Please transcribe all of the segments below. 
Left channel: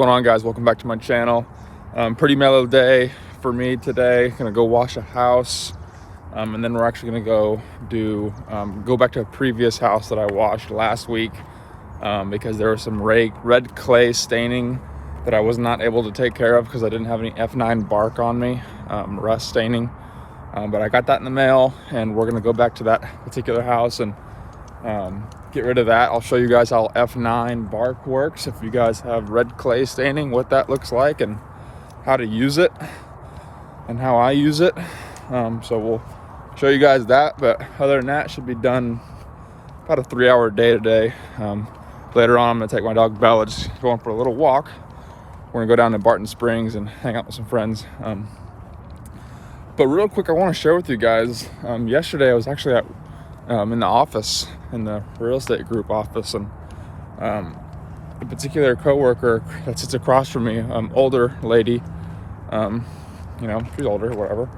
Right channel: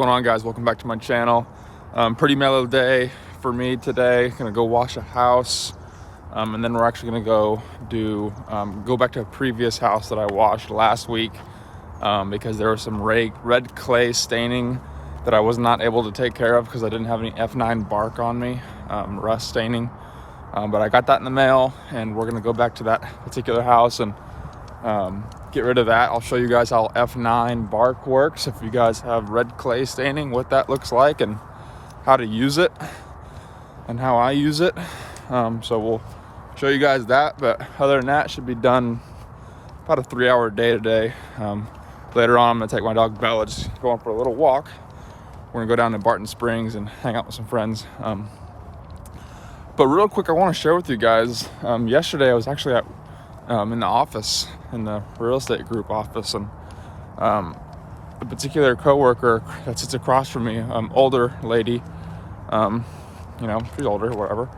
going on, guys? Welcome back to my channel. Pretty mellow day for me today. Gonna go wash a house, and then we're actually gonna go back to a previous house that I washed last week because there was some red clay staining that I was not able to take care of because I didn't have any F9 bark on me, rust staining. But I got that in the mail, and we're gonna go back to that particular house and get rid of that. I'll show you guys how F9 bark works if you guys have red clay staining, what that looks like and how to use it and how I use it. So we'll show you guys that, but other than that, should be done about a 3-hour day today. Later on, I'm gonna take my dog Bella, just going for a little walk. We're gonna go down to Barton Springs and hang out with some friends. But real quick, I want to share with you guys, yesterday I was actually at in the office, in the real estate group office, and a particular coworker that sits across from me, older lady, she's older, whatever.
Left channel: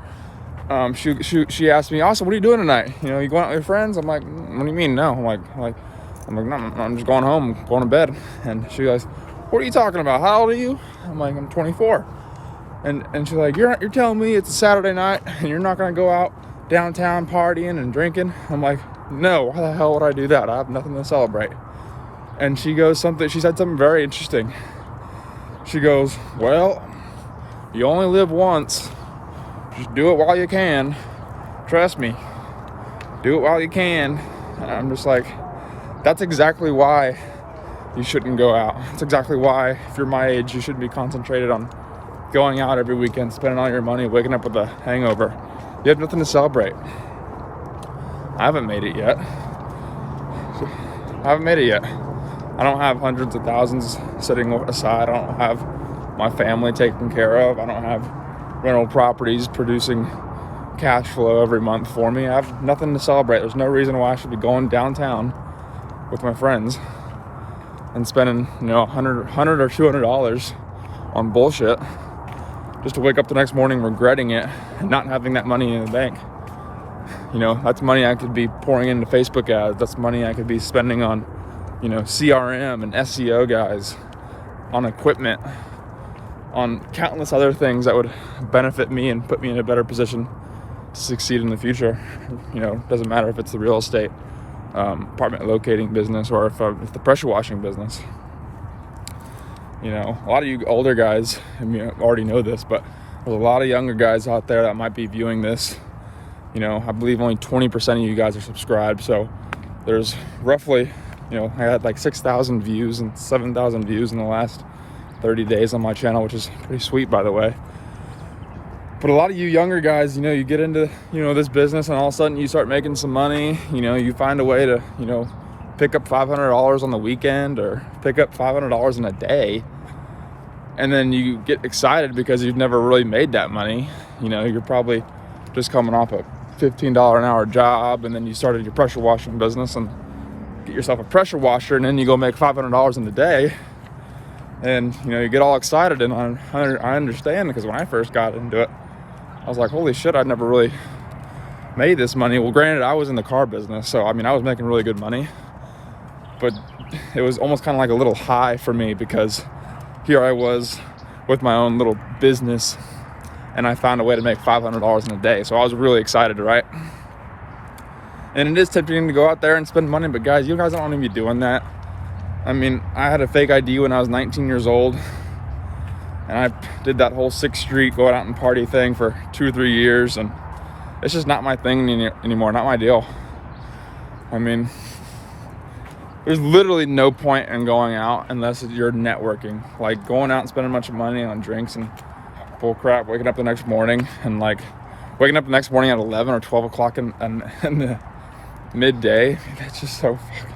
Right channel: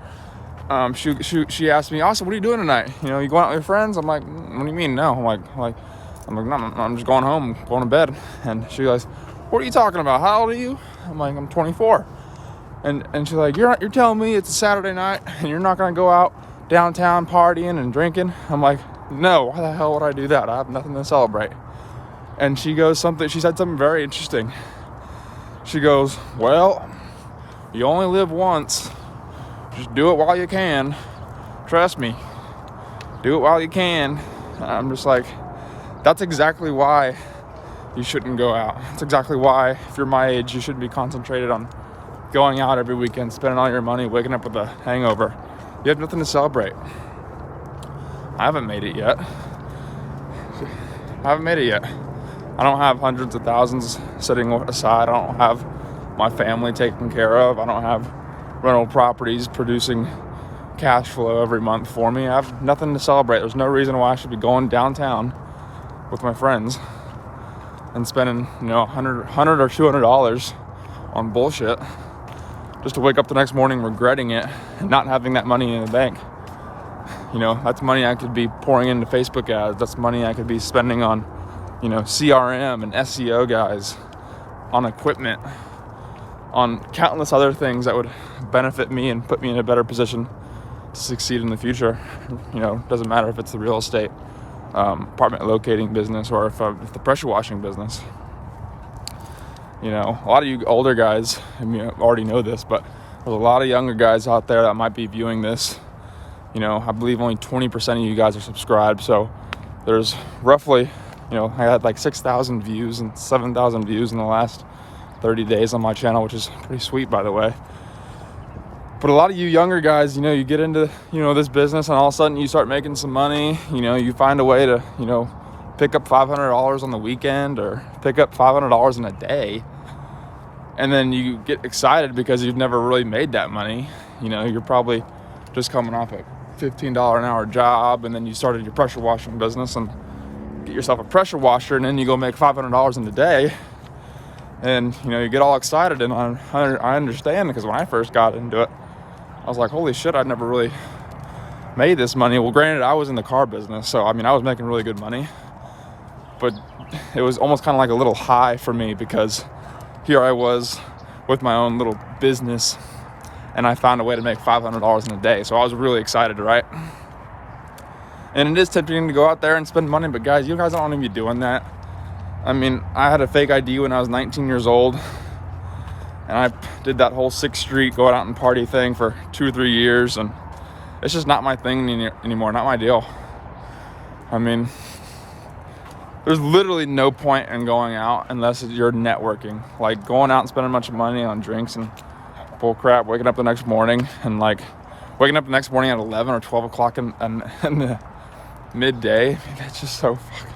She asked me, "Austin, what are you doing tonight? You going out with your friends?" I'm like, "What do you mean, no?" I'm like, "No, I'm just going home, going to bed." And she goes, "What are you talking about? How old are you?" I'm like, "I'm 24." And she's like, you're telling me it's a Saturday night and you're not gonna go out downtown partying and drinking?" I'm like, "No, why the hell would I do that? I have nothing to celebrate." And she said something very interesting. She goes, "Well, you only live once. Just do it while you can. Trust me. Do it while you can." I'm just like, that's exactly why you shouldn't go out. That's exactly why, if you're my age, you shouldn't be concentrated on going out every weekend, spending all your money, waking up with a hangover. You have nothing to celebrate. I haven't made it yet. I don't have hundreds of thousands sitting aside. I don't have my family taken care of. I don't have rental properties producing cash flow every month for me. I have nothing to celebrate. There's no reason why I should be going downtown with my friends and spending, $100 or $200 on bullshit just to wake up the next morning regretting it and not having that money in the bank. That's money I could be pouring into Facebook ads. That's money I could be spending on, CRM and SEO guys, on equipment, on countless other things that would benefit me and put me in a better position to succeed in the future. Doesn't matter if it's the real estate, apartment locating business, or if the pressure washing business. A lot of you older guys, already know this, but there's a lot of younger guys out there that might be viewing this. I believe only 20% of you guys are subscribed. So there's roughly, I had like 6,000 views and 7,000 views in the last 30 days on my channel, which is pretty sweet, by the way. But a lot of you younger guys, you get into, this business, and all of a sudden you start making some money. You find a way to, pick up $500 on the weekend or pick up $500 in a day. And then you get excited because you've never really made that money. You're probably just coming off a $15 an hour job, and then you started your pressure washing business and get yourself a pressure washer, and then you go make $500 in a day. And, you get all excited, and I understand, because when I first got into it, I was like, holy shit, I'd never really made this money. Well, granted, I was in the car business, so, I was making really good money. But it was almost kind of like a little high for me, because here I was with my own little business, and I found a way to make $500 in a day. So I was really excited, right? And it is tempting to go out there and spend money, but guys, you guys don't want to be doing that. I had a fake ID when I was 19 years old, and I did that whole 6th Street going out and party thing for 2 or 3 years, and it's just not my thing anymore, not my deal. There's literally no point in going out unless you're networking. Like going out and spending a bunch of money on drinks and bull crap, waking up the next morning at 11 or 12 o'clock in the midday. That's just so fucking...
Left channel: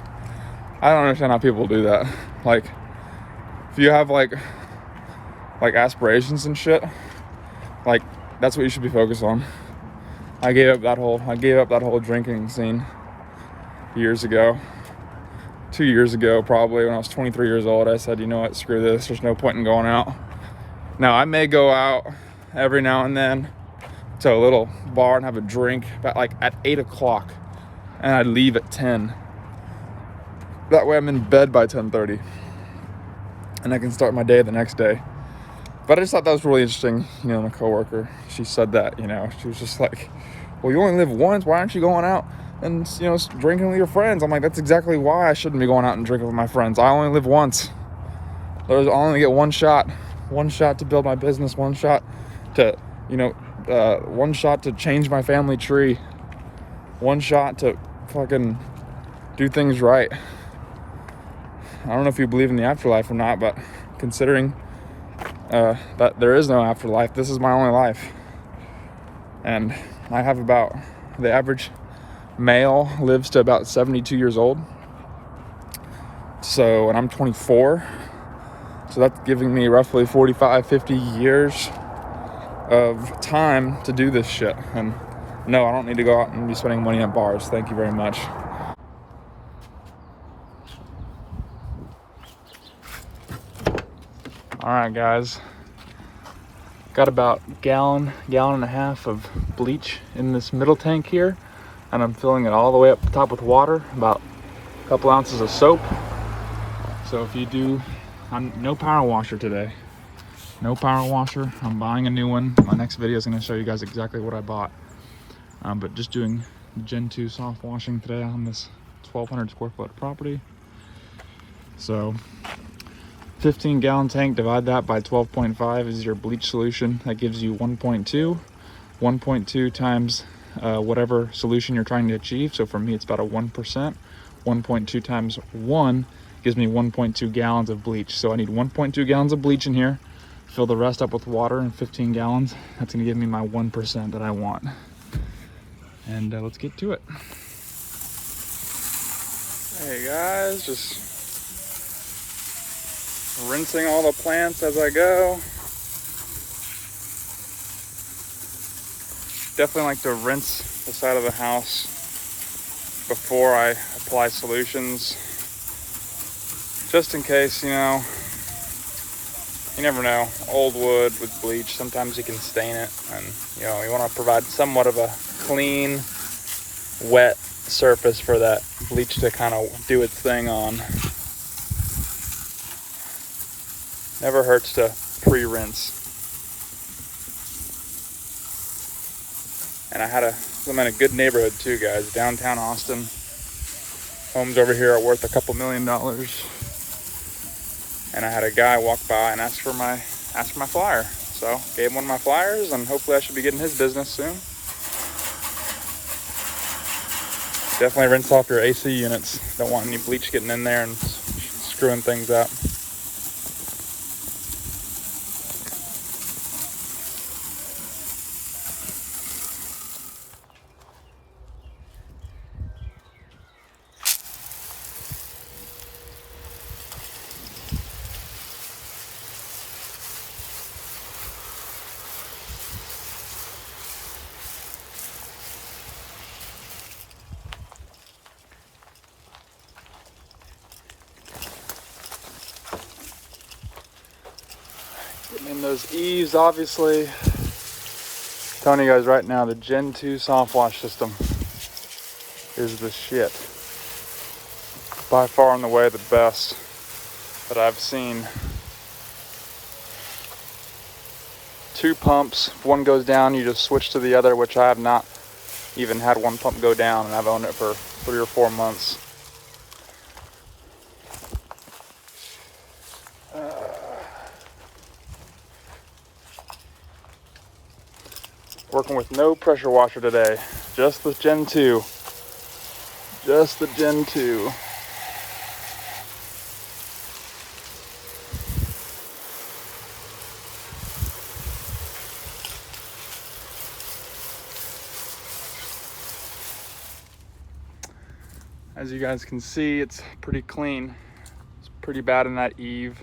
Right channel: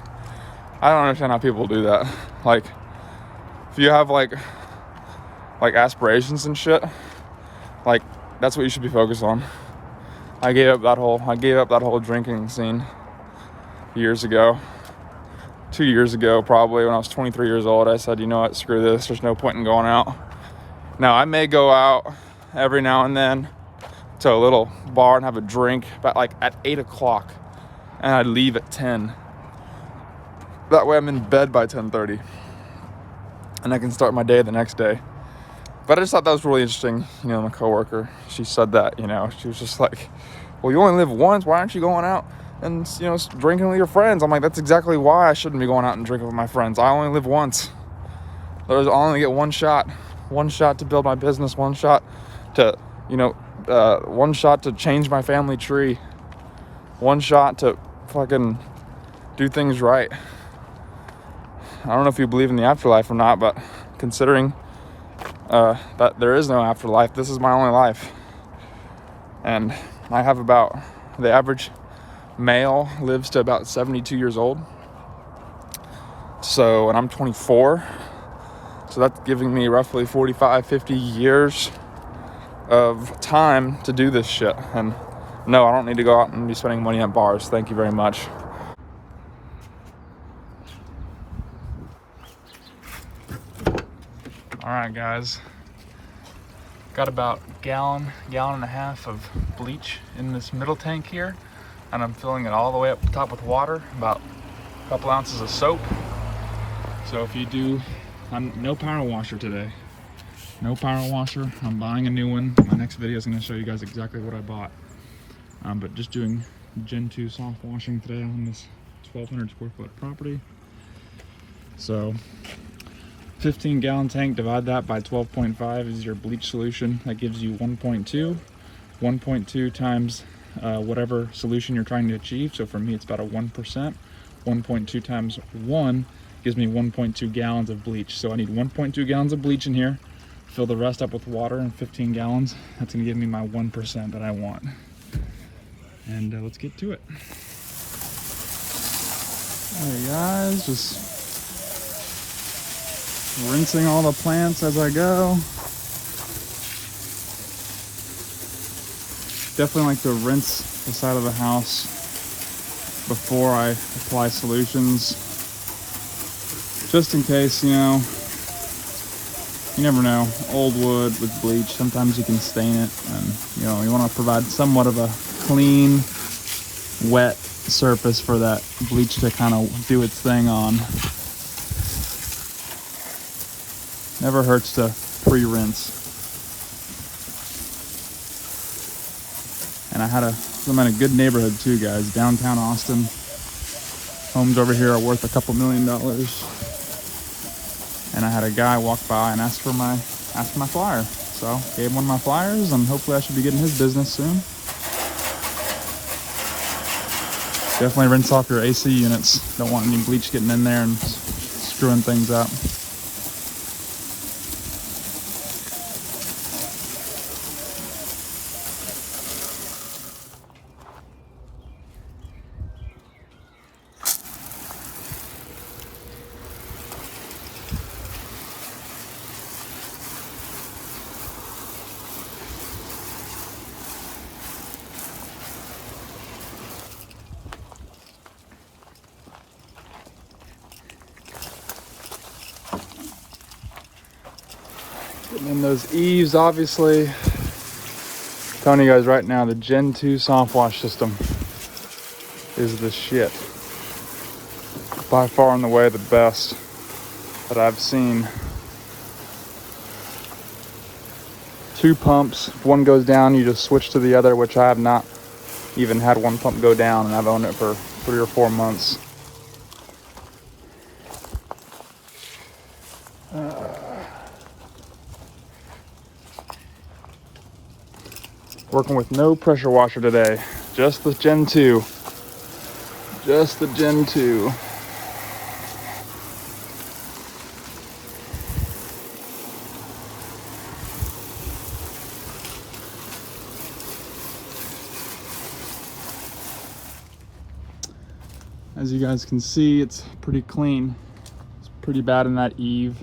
I don't understand how people do that. Like, if you have like aspirations and shit, like that's what you should be focused on. I gave up that whole drinking scene years ago. 2 years ago, probably, when I was 23 years old. I said, you know what, screw this, there's no point in going out. Now, I may go out every now and then to a little bar and have a drink, but like at 8 o'clock, and I'd leave at 10. That way I'm in bed by 10:30. and I can start my day the next day. But I just thought that was really interesting. You know, my coworker, she said that, you know, she was just like, well, you only live once. Why aren't you going out and, you know, drinking with your friends? I'm like, that's exactly why I shouldn't be going out and drinking with my friends. I only live once. I only get one shot to build my business, one shot to, you know, one shot to change my family tree, one shot to fucking do things right. I don't know if you believe in the afterlife or not, but considering that there is no afterlife, this is my only life. And I have the average male lives to about 72 years old. So, and I'm 24. So that's giving me roughly 45, 50 years of time to do this shit. And no, I don't need to go out and be spending money at bars. Thank you very much. All right, guys. Got about gallon and a half of bleach in this middle tank here. And I'm filling it all the way up the top with water, about a couple ounces of soap. So if you do, no power washer today. No power washer. I'm buying a new one. My next video is going to show you guys exactly what I bought. But just doing Gen 2 soft washing today on this 1,200 square foot property. So 15 gallon tank, divide that by 12.5 is your bleach solution. That gives you 1.2. 1.2 times whatever solution you're trying to achieve. So for me, it's about a 1%. 1.2 times 1 gives me 1.2 gallons of bleach. So I need 1.2 gallons of bleach in here. Fill the rest up with water in 15 gallons. That's gonna give me my 1% that I want. And let's get to it. Hey guys, just rinsing all the plants as I go. Definitely like to rinse the side of the house before I apply solutions. Just in case, you know, you never know. Old wood with bleach, sometimes you can stain it, and you know, you want to provide somewhat of a clean, wet surface for that bleach to kind of do its thing on. Never hurts to pre-rinse. And I'm in a good neighborhood too, guys. Downtown Austin. Homes over here are worth a couple $1 million. And I had a guy walk by and ask for my flyer. So gave him one of my flyers, and hopefully I should be getting his business soon. Definitely rinse off your AC units. Don't want any bleach getting in there and screwing things up. And those eaves, obviously, I'm telling you guys right now, the Gen 2 soft wash system is the shit. By far and away the best that I've seen. 2 pumps, if one goes down, you just switch to the other, which I have not even had one pump go down, and I've owned it for 3 or 4 months. Working with no pressure washer today, just the Gen 2. Just the Gen 2. As you guys can see, it's pretty clean. It's pretty bad in that eave.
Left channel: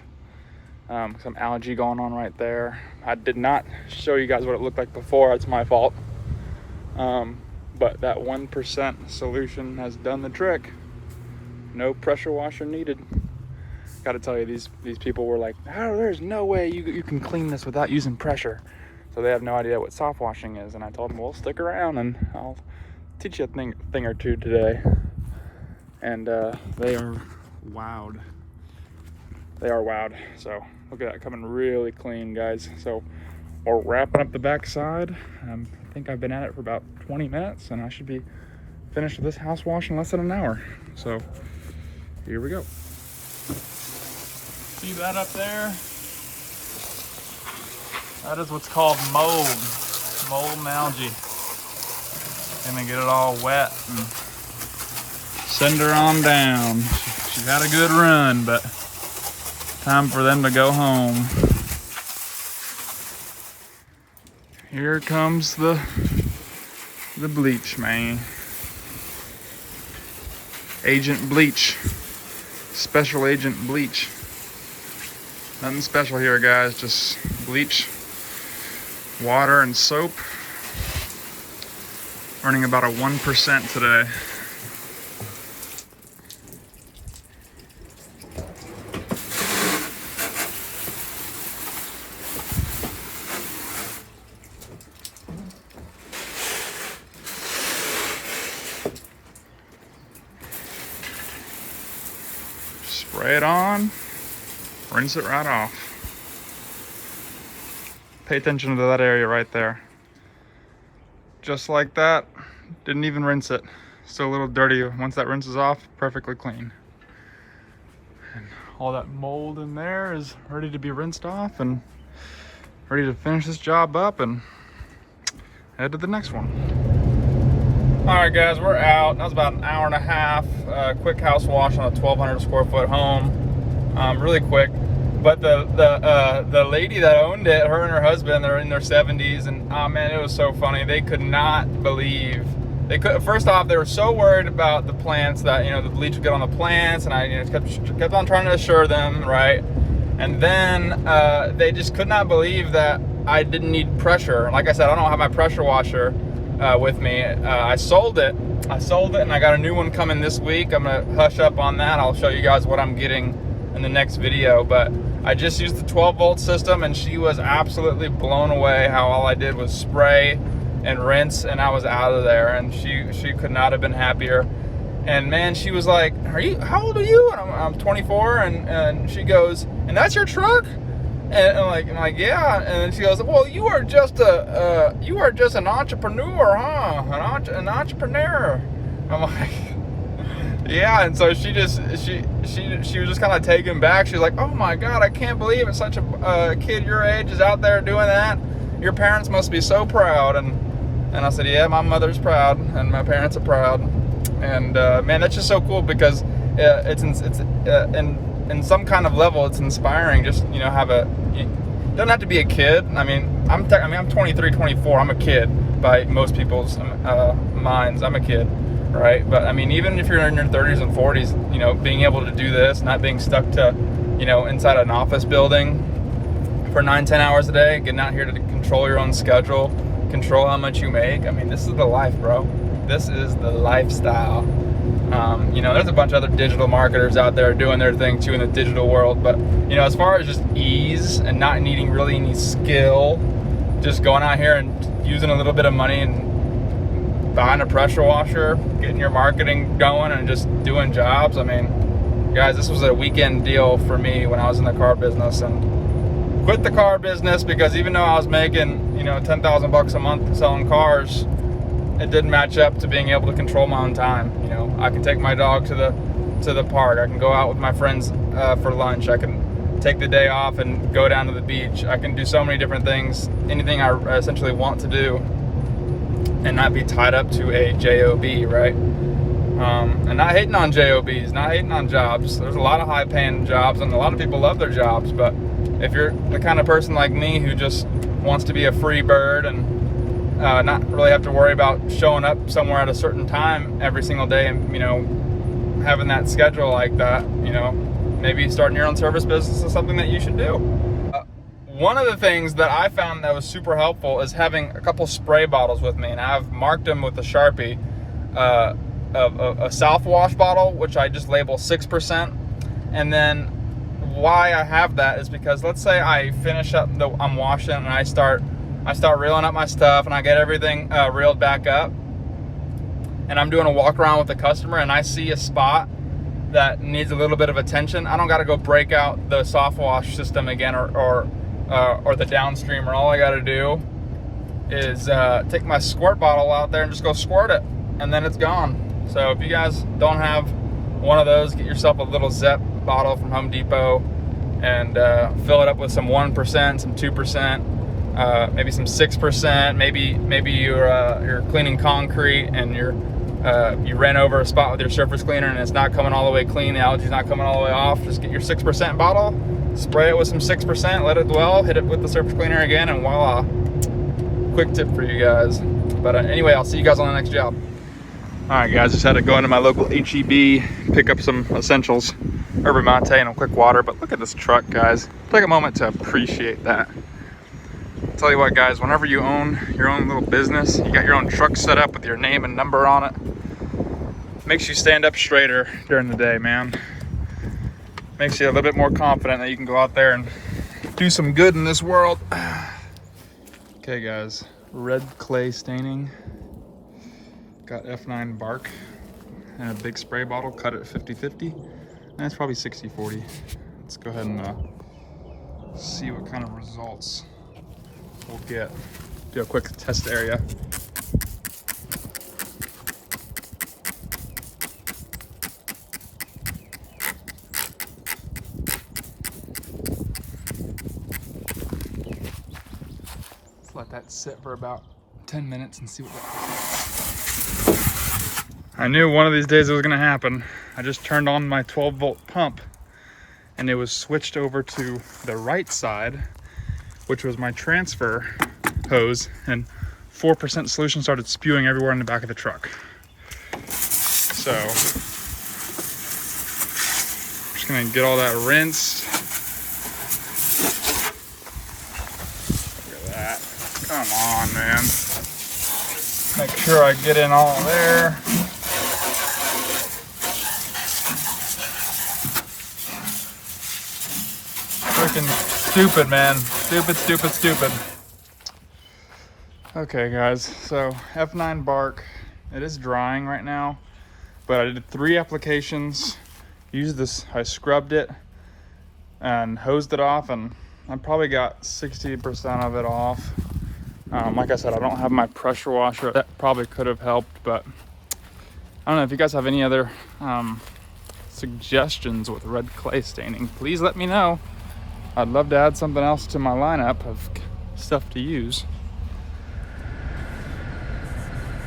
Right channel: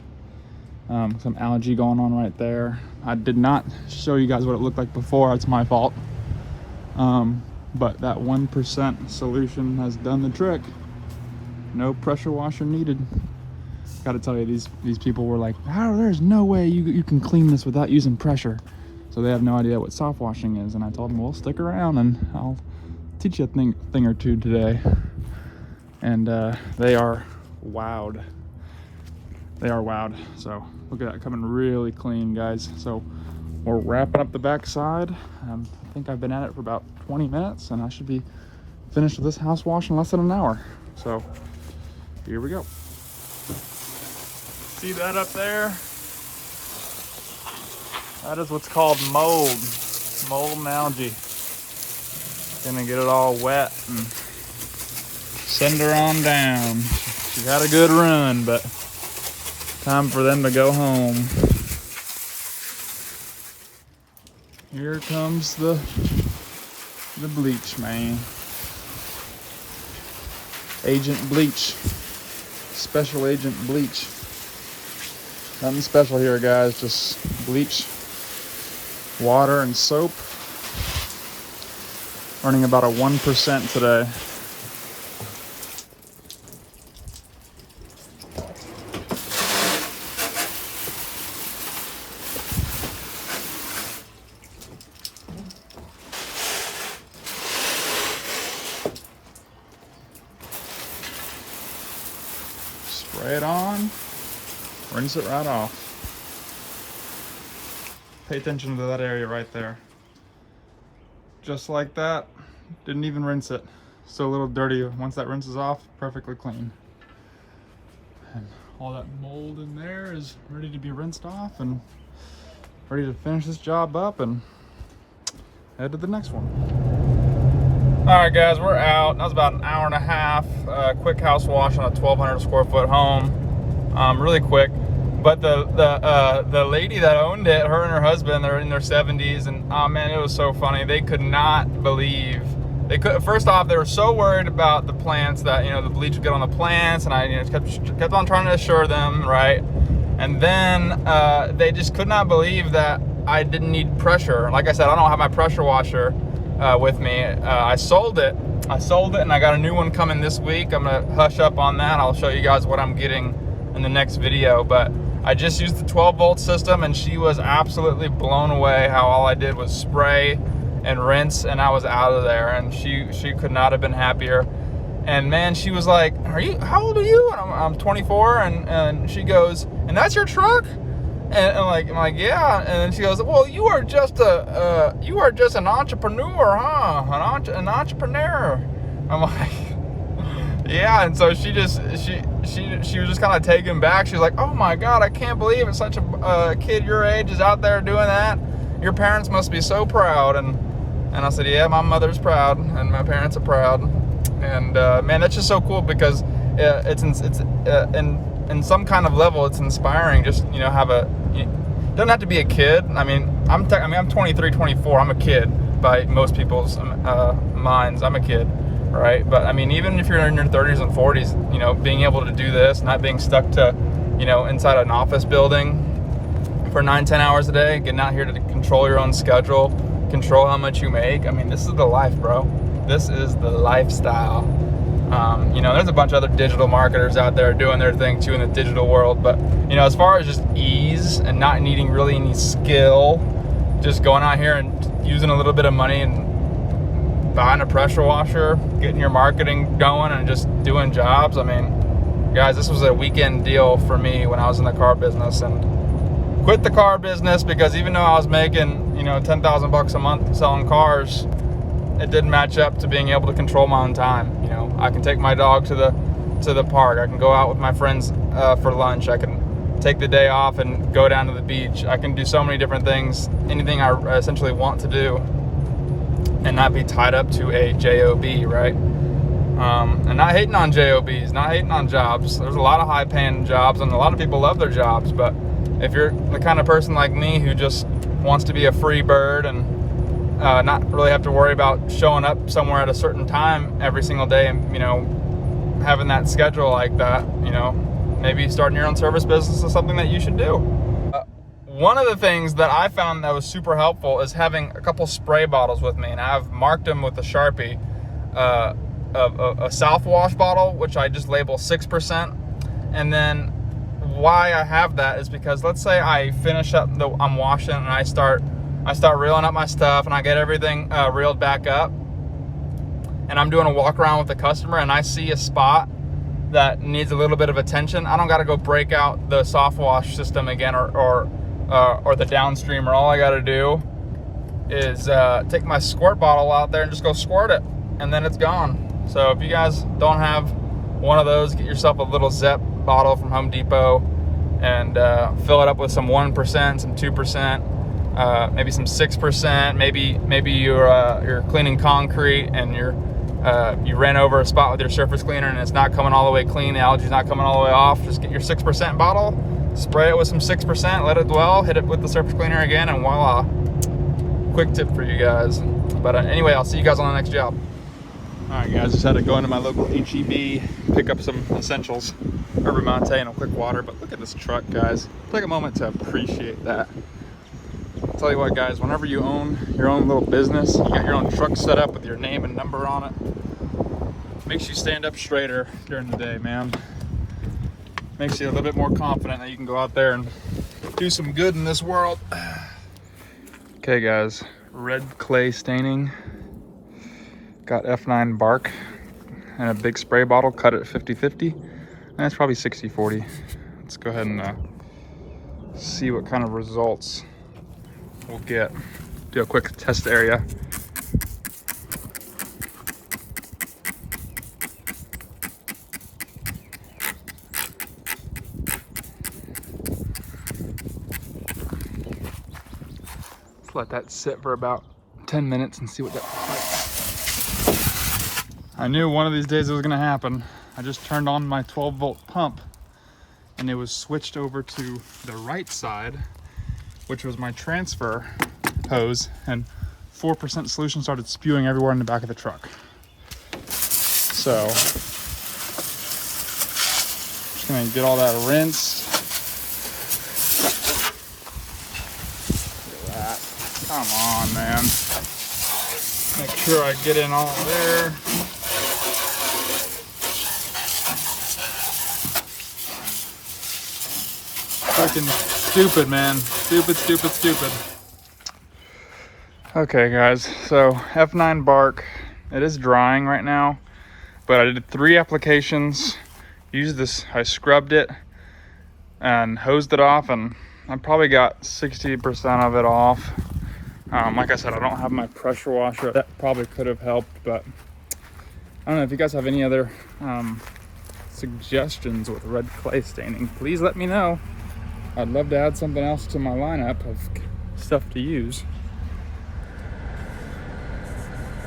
Some algae going on right there. I did not show you guys what it looked like before. That's my fault. But that 1% solution has done the trick. No pressure washer needed. Gotta tell you, these people were like, oh, there's no way you can clean this without using pressure. So they have no idea what soft washing is. And I told them, well, stick around and I'll teach you a thing or two today. And they are wowed. they are wowed. So look at that coming really clean, guys. So we're wrapping up the back side. I think I've been at it for about 20 minutes and I should be finished with this house wash in less than an hour. So here we go. See that up there? That is what's called mold and algae. Then you get it all wet and send her on down. She's had a good run, but time for them to go home. Here comes the bleach, man. Agent Bleach. Special Agent Bleach. Nothing special here, guys. Just bleach, water, and soap. Earning about a 1% today. Spray it on, rinse it right off. Pay attention to that area right there. Just like that, didn't even rinse it. Still a little dirty. Once that rinses off, perfectly clean. And all that mold in there is ready to be rinsed off and ready to finish this job up and head to the next one. All right, guys, we're out. That was about an hour and a half. Quick house wash on a 1,200 square foot home. Really quick. But the lady that owned it, her and her husband, they're in their 70s, and oh man, it was so funny. They could not believe. First off, they were so worried about the plants that the bleach would get on the plants, and I kept on trying to assure them, right? And then they just could not believe that I didn't need pressure. Like I said, I don't have my pressure washer with me. I sold it, and I got a new one coming this week. I'm gonna hush up on that. I'll show you guys what I'm getting in the next video, but I just used the 12-volt system, and she was absolutely blown away how all I did was spray and rinse, and I was out of there. And she could not have been happier. And man, she was like, how old are you? And I'm 24, and she goes, and that's your truck? And I'm like, yeah. And then she goes, well, you are just an entrepreneur, huh? An entrepreneur. I'm like, yeah. And so she was just kind of taken back. She was like, oh my God, I can't believe it's such a kid your age is out there doing that. Your parents must be so proud. And I said, yeah, my mother's proud and my parents are proud. And man, that's just so cool because it's in some kind of level, it's inspiring. Just you don't have to be a kid. I mean, I'm 23, 24. I'm a kid by most people's minds. I'm a kid. Right, but I mean, even if you're in your 30s and 40s, being able to do this, not being stuck to, inside an office building for 9-10 hours a day, getting out here to control your own schedule, control how much you make. I mean, this is the life, bro. This is the lifestyle. There's a bunch of other digital marketers out there doing their thing too in the digital world, but as far as just ease and not needing really any skill, just going out here and using a little bit of money and buying a pressure washer, getting your marketing going, and just doing jobs. I mean, guys, this was a weekend deal for me when I was in the car business, and quit the car business because even though I was making, $10,000 a month selling cars, it didn't match up to being able to control my own time. I can take my dog to the park. I can go out with my friends for lunch. I can take the day off and go down to the beach. I can do so many different things, anything I essentially want to do, and not be tied up to a job, right? And not hating on jobs, not hating on jobs. There's a lot of high paying jobs and a lot of people love their jobs, but if you're the kind of person like me who just wants to be a free bird and not really have to worry about showing up somewhere at a certain time every single day and having that schedule like that, maybe starting your own service business is something that you should do. One of the things that I found that was super helpful is having a couple spray bottles with me, and I've marked them with a Sharpie. A South Wash bottle, which I just label 6%, and then why I have that is because let's say I finish up I'm washing and I start reeling up my stuff and I get everything reeled back up, and I'm doing a walk around with the customer and I see a spot that needs a little bit of attention, I don't got to go break out the soft wash system again or the downstreamer. All I got to do is take my squirt bottle out there and just go squirt it, and then it's gone. So if you guys don't have one of those, get yourself a little Zep bottle from Home Depot and fill it up with some 1%, some 2%, maybe some 6%. Maybe you're cleaning concrete and you ran over a spot with your surface cleaner and it's not coming all the way clean, the algae's not coming all the way off. Just get your 6% bottle, spray it with some 6%, let it dwell, hit it with the surface cleaner again, and voila. Quick tip for you guys. But anyway, I'll see you guys on the next job. All right, guys, just had to go into my local HEB, pick up some essentials, herba mate and a quick water. But look at this truck, guys. Take a moment to appreciate that. I'll tell you what, guys, whenever you own your own little business, you got your own truck set up with your name and number on it, makes you stand up straighter during the day, man. Makes you a little bit more confident that you can go out there and do some good in this world. Okay, guys, red clay staining. Got F9 bark and a big spray bottle, cut it 50-50. And it's probably 60-40. Let's go ahead and see what kind of results we'll get. Do a quick test area. Let that sit for about 10 minutes and see what that looks like. I knew one of these days it was gonna happen. I just turned on my 12-volt pump and it was switched over to the right side, which was my transfer hose, and 4% solution started spewing everywhere in the back of the truck. So, just gonna get all that rinsed. Come on, man. Make sure I get in all there. Freaking stupid, man. Stupid. Okay, guys. So F9 bark. It is drying right now, but I did 3 applications. Used this. I scrubbed it and hosed it off, and I probably got 60% of it off. Like I said, I don't have my pressure washer. That probably could have helped, but I don't know if you guys have any other suggestions with red clay staining. Please let me know. I'd love to add something else to my lineup of stuff to use.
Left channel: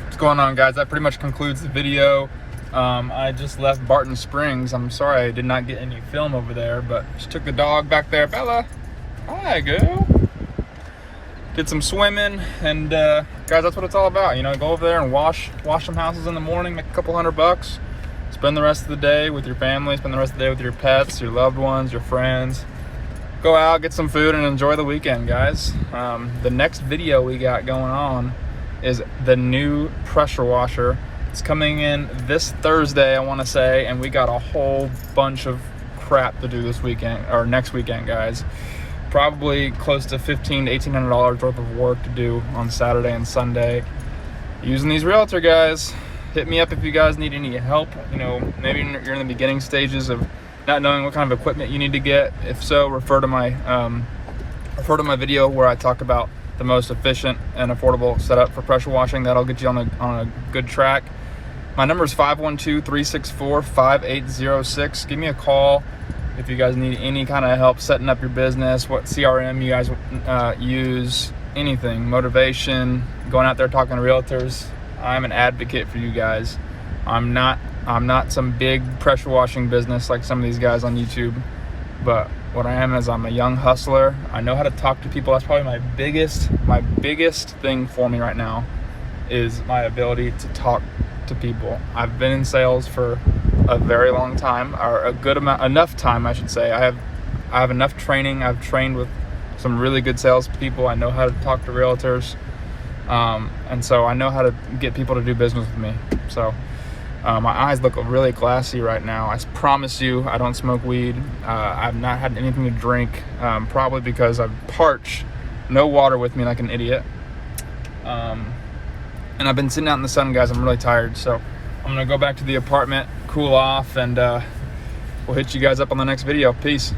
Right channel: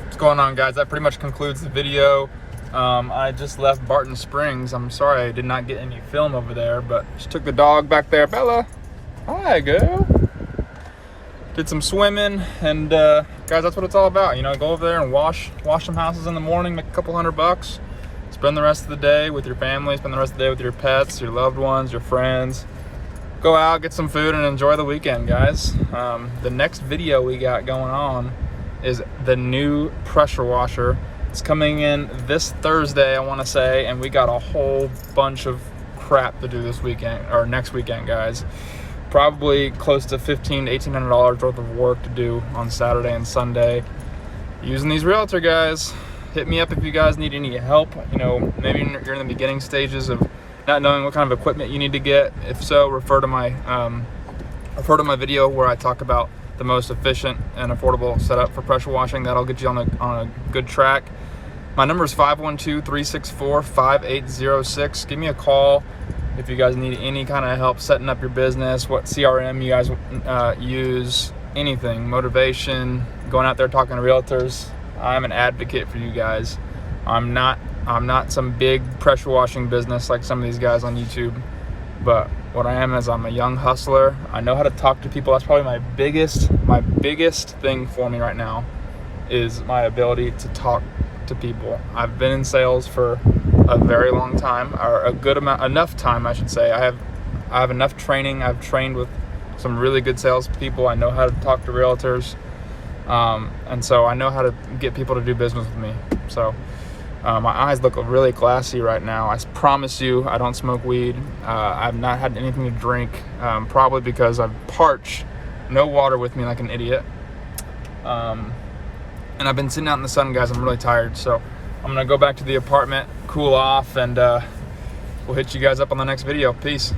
What's going on, guys? That pretty much concludes the video. I just left Barton Springs. I'm sorry I did not get any film over there, but just took the dog back there. Bella, hi, girl. Did some swimming, and guys, that's what it's all about. You know, go over there and wash some houses in the morning, make a couple $100, spend the rest of the day with your family, spend the rest of the day with your pets, your loved ones, your friends. Go out, get some food, and enjoy the weekend, guys. The next video we got going on is the new pressure washer. It's coming in this Thursday, I want to say, and we got a whole bunch of crap to do this weekend, or next weekend, guys. Probably close to $1,500 to $1,800 worth of work to do on Saturday and Sunday using these Realtor guys. Hit me up if you guys need any help. You know, maybe you're in the beginning stages of not knowing what kind of equipment you need to get. If so, refer to my video where I talk about the most efficient and affordable setup for pressure washing. That'll get you on a good track. My number is 512-364-5806. Give me a call if you guys need any kind of help setting up your business, what CRM you guys use, anything, motivation, going out there talking to realtors. I'm an advocate for you guys. I'm not some big pressure washing business like some of these guys on YouTube, but what I am is I'm a young hustler. I know how to talk to people. That's probably my biggest thing for me right now, is my ability to talk to people. I've been in sales for a very long time, or enough time, I should say. I have enough training. I've trained with some really good salespeople. I know how to talk to realtors, and so I know how to get people to do business with me. So my eyes look really classy right now. I promise you, I don't smoke weed. I've not had anything to drink, probably because I've parched, no water with me like an idiot. And I've been sitting out in the sun, guys. I'm really tired, so I'm gonna go back to the apartment, cool off, and we'll hit you guys up on the next video. Peace.